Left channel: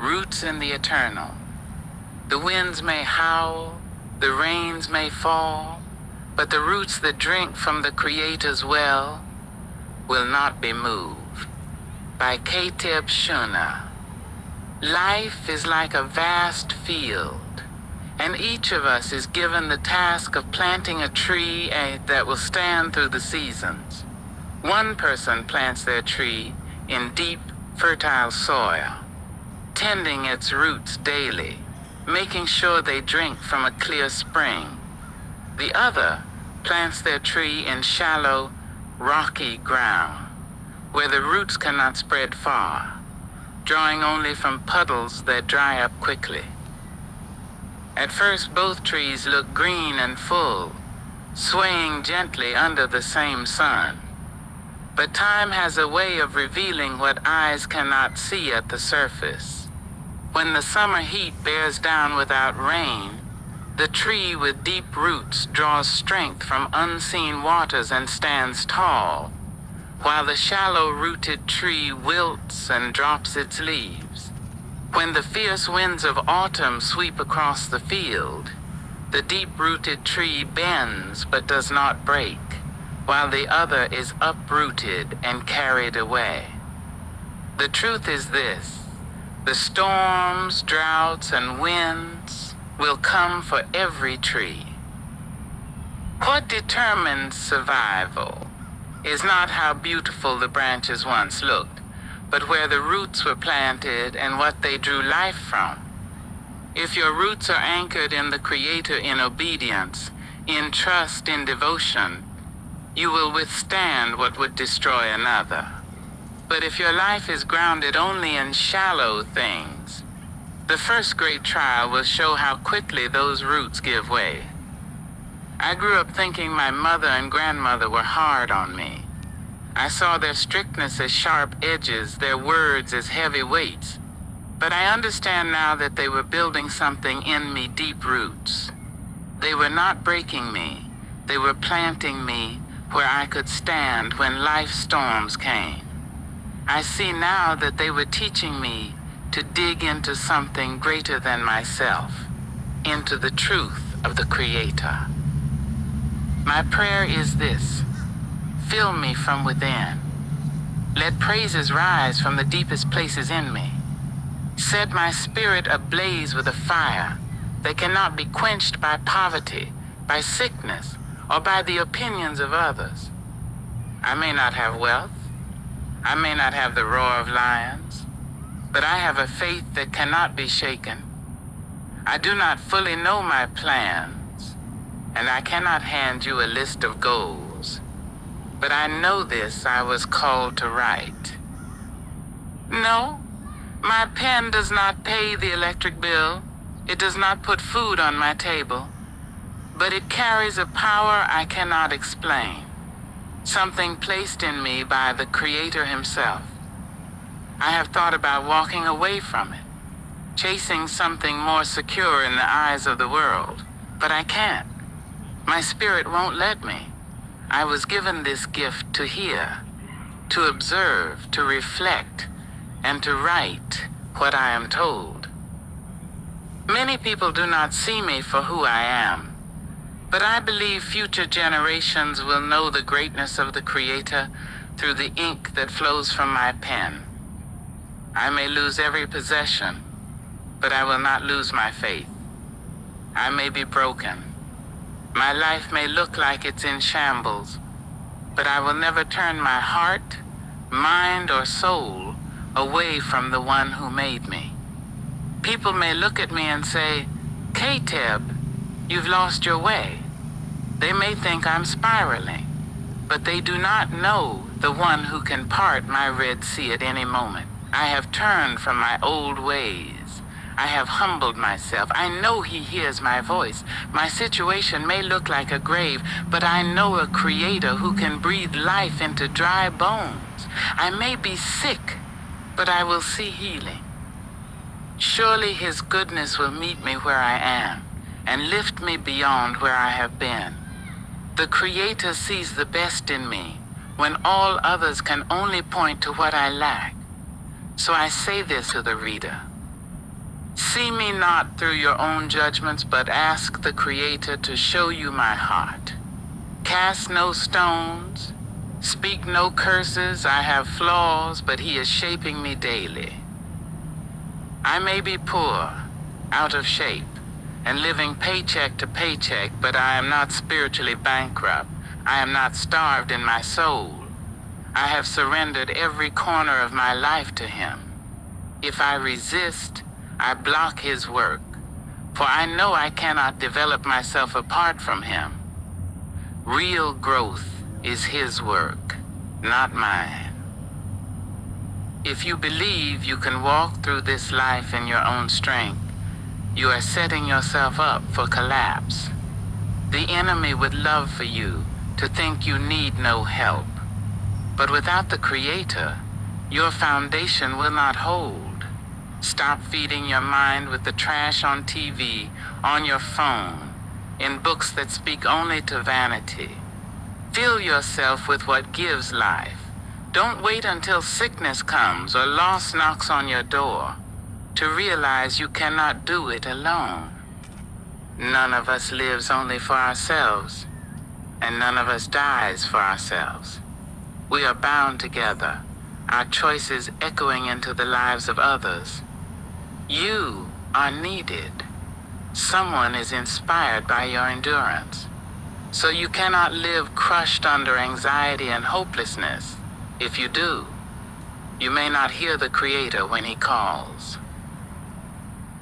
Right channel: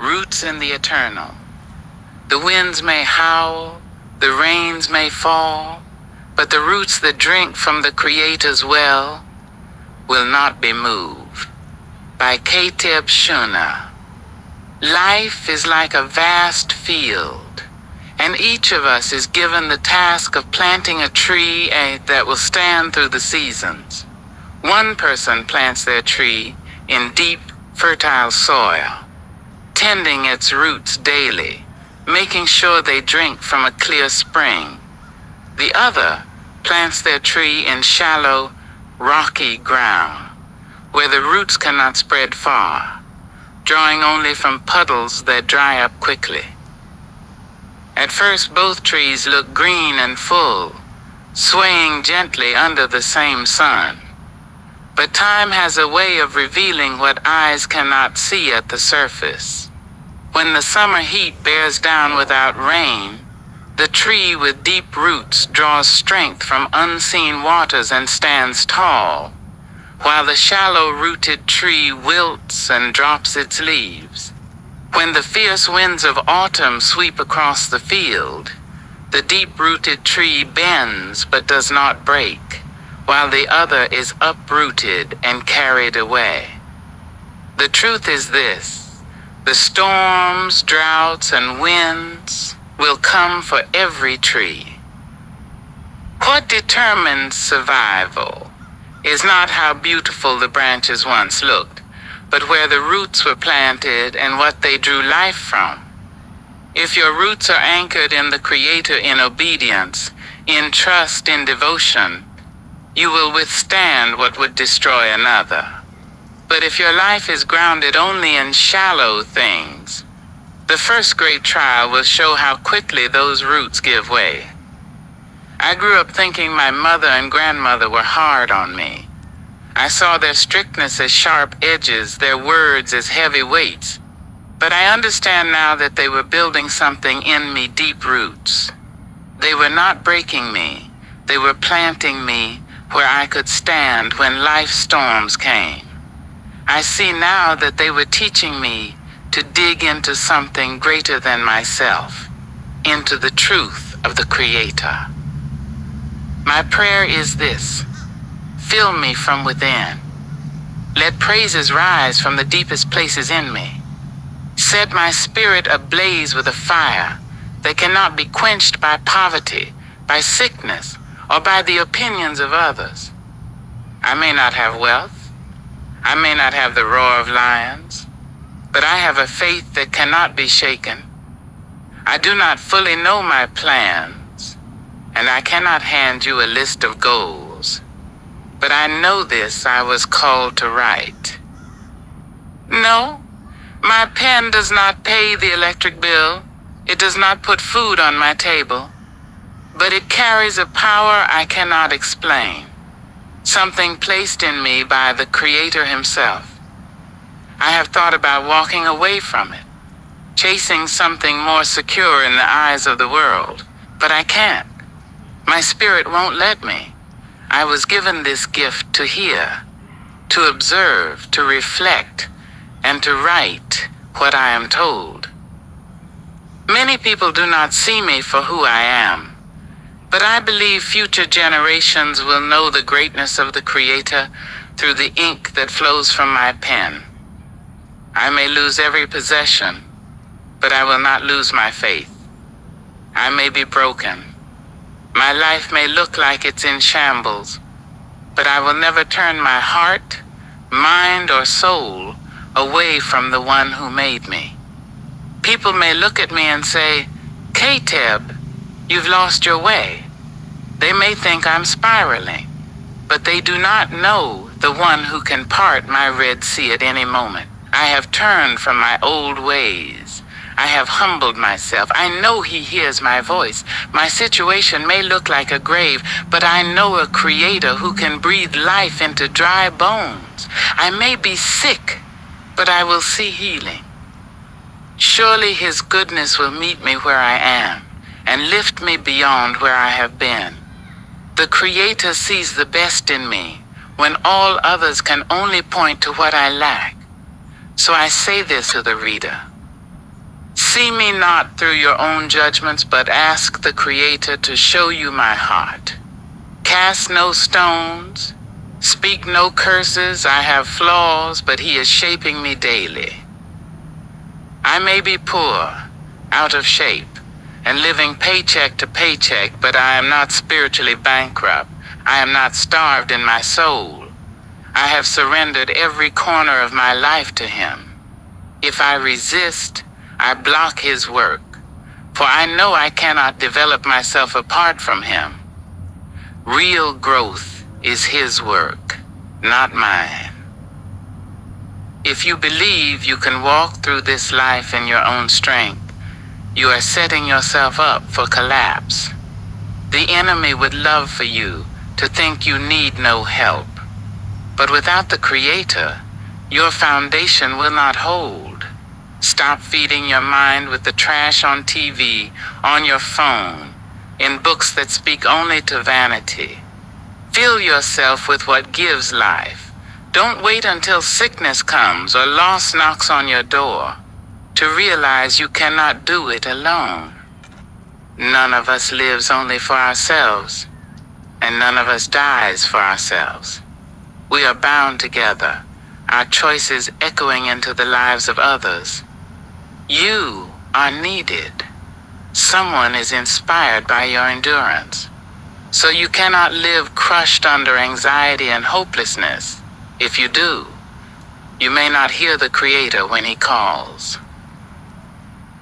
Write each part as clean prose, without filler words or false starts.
roots in the eternal. The winds may howl, the rains may fall, but the roots that drink from the Creator's well will not be moved. By Kateb Shuna. Life is like a vast field, and each of us is given the task of planting a tree that will stand through the seasons. One person plants their tree in deep, fertile soil, tending its roots daily, making sure they drink from a clear spring. The other plants their tree in shallow, rocky ground, where the roots cannot spread far, drawing only from puddles that dry up quickly. At first, both trees look green and full, swaying gently under the same sun. But time has a way of revealing what eyes cannot see at the surface. When the summer heat bears down without rain, the tree with deep roots draws strength from unseen waters and stands tall, while the shallow-rooted tree wilts and drops its leaves. When the fierce winds of autumn sweep across the field, the deep-rooted tree bends but does not break, while the other is uprooted and carried away. The truth is this: the storms, droughts, and winds will come for every tree. What determines survival is not how beautiful the branches once looked, but where the roots were planted and what they drew life from. If your roots are anchored in the Creator in obedience, in trust, in devotion, you will withstand what would destroy another. But if your life is grounded only in shallow things, the first great trial will show how quickly those roots give way. I grew up thinking my mother and grandmother were hard on me. I saw their strictness as sharp edges, their words as heavy weights. But I understand now that they were building something in me, deep roots. They were not breaking me. They were planting me where I could stand when life storms came. I see now that they were teaching me to dig into something greater than myself, into the truth of the Creator. My prayer is this: fill me from within. Let praises rise from the deepest places in me. Set my spirit ablaze with a fire that cannot be quenched by poverty, by sickness, or by the opinions of others. I may not have wealth. I may not have the roar of lions, but I have a faith that cannot be shaken. I do not fully know my plans, and I cannot hand you a list of goals. But I know this: I was called to write. No, my pen does not pay the electric bill. It does not put food on my table. But it carries a power I cannot explain, something placed in me by the Creator Himself. I have thought about walking away from it, chasing something more secure in the eyes of the world, but I can't. My spirit won't let me. I was given this gift to hear, to observe, to reflect, and to write what I am told. Many people do not see me for who I am, but I believe future generations will know the greatness of the Creator through the ink that flows from my pen. I may lose every possession, but I will not lose my faith. I may be broken. My life may look like it's in shambles, but I will never turn my heart, mind, or soul away from the one who made me. People may look at me and say, "Kateb, you've lost your way." They may think I'm spiraling, but they do not know the one who can part my Red Sea at any moment. I have turned from my old ways. I have humbled myself. I know He hears my voice. My situation may look like a grave, but I know a Creator who can breathe life into dry bones. I may be sick, but I will see healing. Surely His goodness will meet me where I am and lift me beyond where I have been. The Creator sees the best in me when all others can only point to what I lack. So I say this to the reader: See me not through your own judgments, but ask the Creator to show you my heart. Cast no stones, speak no curses. I have flaws, but He is shaping me daily. I may be poor, out of shape, and living paycheck to paycheck, but I am not spiritually bankrupt. I am not starved in my soul. I have surrendered every corner of my life to Him. If I resist, I block His work, for I know I cannot develop myself apart from Him. Real growth is His work, not mine. If you believe you can walk through this life in your own strength, you are setting yourself up for collapse. The enemy would love for you to think you need no help. But without the Creator, your foundation will not hold. Stop feeding your mind with the trash on TV, on your phone, in books that speak only to vanity. Fill yourself with what gives life. Don't wait until sickness comes or loss knocks on your door to realize you cannot do it alone. None of us lives only for ourselves, and none of us dies for ourselves. We are bound together, our choices echoing into the lives of others. You are needed. Someone is inspired by your endurance. So you cannot live crushed under anxiety and hopelessness. If you do, you may not hear the Creator when He calls.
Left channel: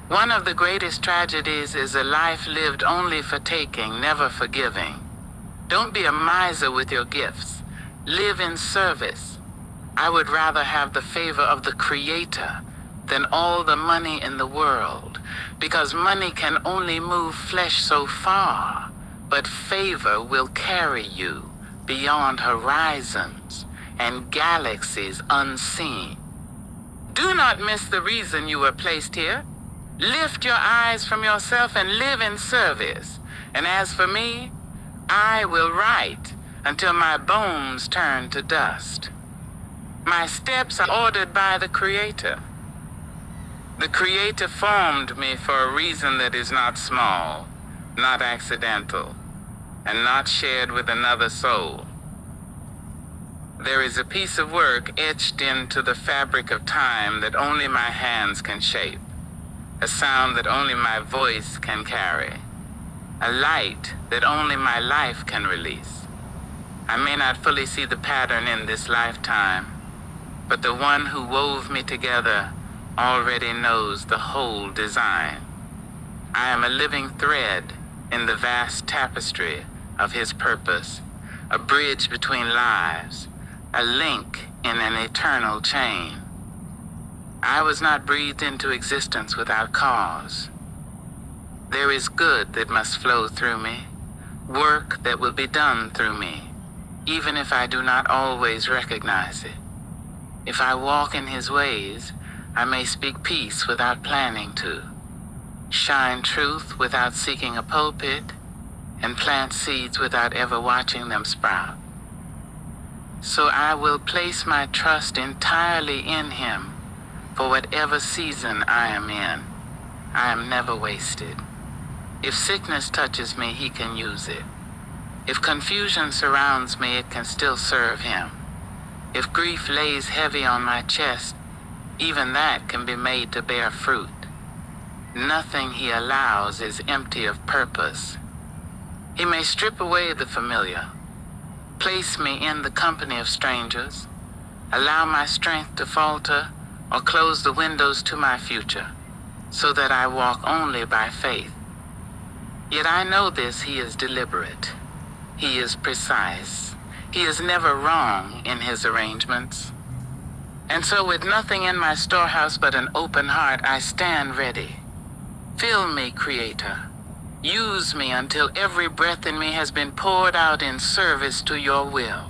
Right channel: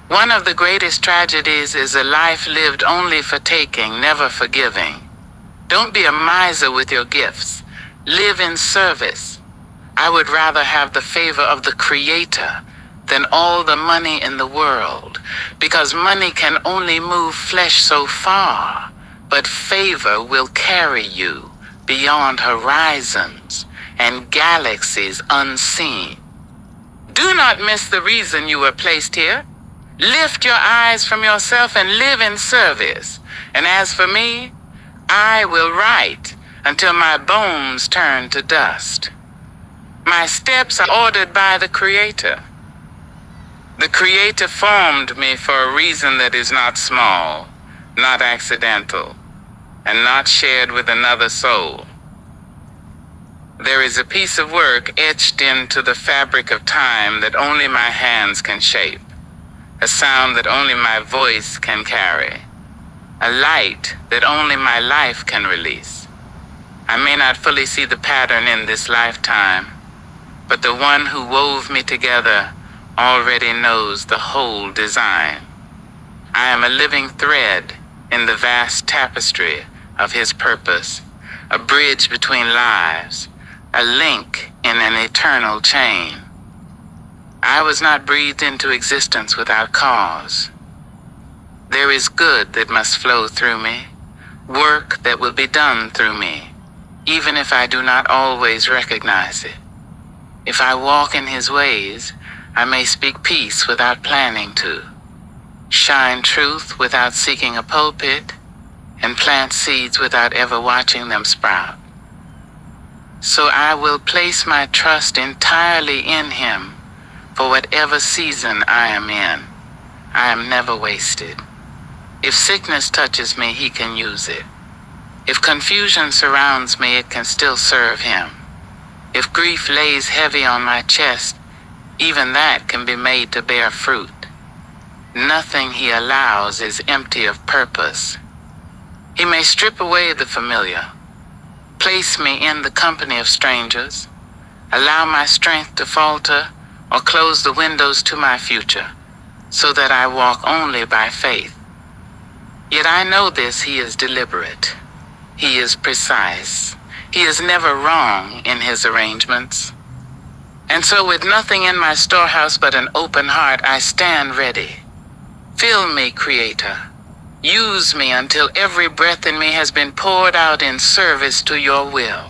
One of the greatest tragedies is a life lived only for taking, never for giving. Don't be a miser with your gifts. Live in service. I would rather have the favor of the Creator than all the money in the world, because money can only move flesh so far, but favor will carry you beyond horizons and galaxies unseen. Do not miss the reason you were placed here. Lift your eyes from yourself and live in service. And as for me, I will write until my bones turn to dust. My steps are ordered by the Creator. The Creator formed me for a reason that is not small, not accidental, and not shared with another soul. There is a piece of work etched into the fabric of time that only my hands can shape, a sound that only my voice can carry, a light that only my life can release. I may not fully see the pattern in this lifetime, but the one who wove me together already knows the whole design. I am a living thread in the vast tapestry of His purpose, a bridge between lives, a link in an eternal chain. I was not breathed into existence without cause. There is good that must flow through me, work that will be done through me, even if I do not always recognize it. If I walk in His ways, I may speak peace without planning to, shine truth without seeking a pulpit, and plant seeds without ever watching them sprout. So I will place my trust entirely in Him for whatever season I am in. I am never wasted. If sickness touches me, He can use it. If confusion surrounds me, it can still serve Him. If grief lays heavy on my chest, even that can be made to bear fruit. Nothing He allows is empty of purpose. He may strip away the familiar, place me in the company of strangers, allow my strength to falter, or close the windows to my future, so that I walk only by faith. Yet I know this: He is deliberate. He is precise. He is never wrong in His arrangements. And so with nothing in my storehouse but an open heart, I stand ready. Fill me, Creator. Use me until every breath in me has been poured out in service to your will.